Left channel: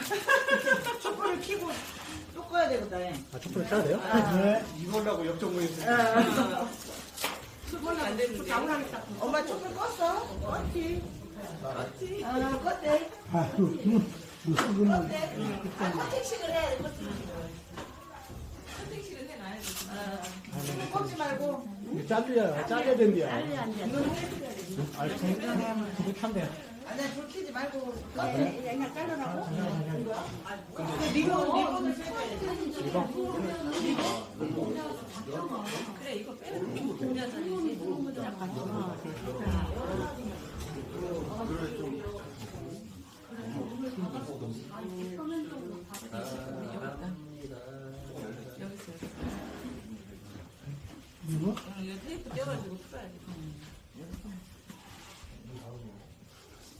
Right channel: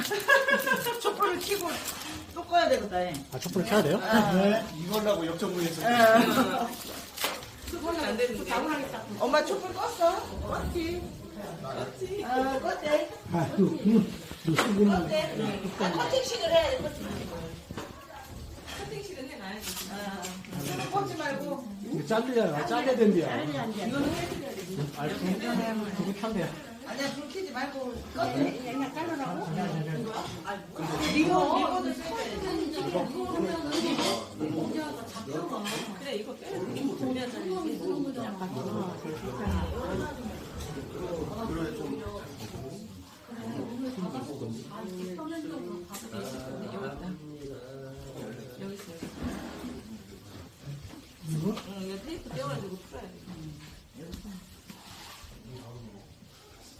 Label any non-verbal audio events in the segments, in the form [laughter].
[laughs] 촛불을 켜고 또 꺼야 되겠다. 예. 아, 촛불 켜야 돼요? 예. 네. 이걸라고 역전문에서. 그걸로 안 되는데. 당황하겠다. 엄마 촛불 껐어? 껐지. 껐지. 어, 껐대. 아, 그, 그, 그, 수분은. 껐지. 아, 커팅식을 해야 돼, 커팅식을. 커팅식은 해놔야지. 어. 촛불 꽂지 말고. 이거 잘려야, 아, 잘려야 된대요. 빨리 앉아. 이건 해야 돼. 아, 이거 편대. 아니야, 불 켜지 말고 껐대. 그냥 깔으라고?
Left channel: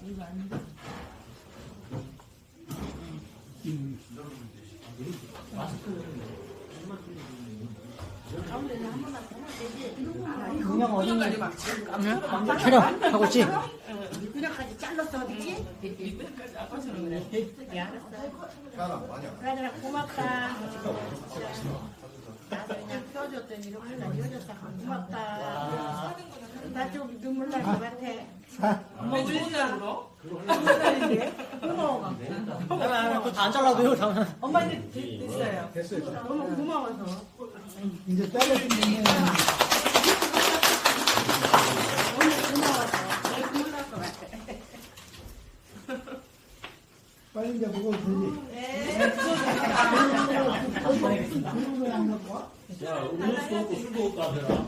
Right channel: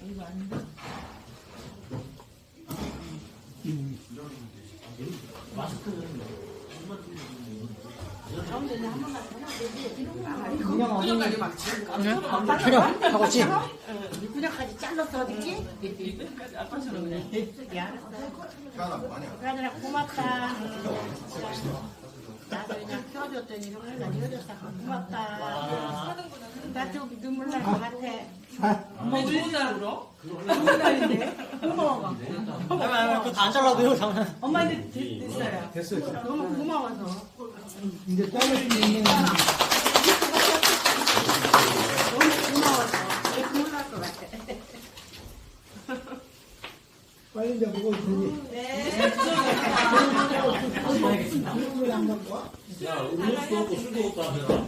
이거 아닌데? 리본, 리본을 촬영 하고 있지? 그냥까지 잘랐어, 어디지? 예, 알았어. 그러더라, 고맙다. 나도 그냥 껴줬더니 이렇게 나 이어졌다. 고맙다. 나 좀 눈물 날 것 같아. 엄마 왜 이렇게 울어? 눈물 나는데? 고마워. 안 잘라도요, 장난. 엄마한테 됐어요. 됐어요. 너무 고마워서. 이제 잘라주면 너무 고마워서. 왜 눈물 날 것 같아. 빨리 이제 보고 있으니. 야, 음료수도 없고 술도 없다 하잖아.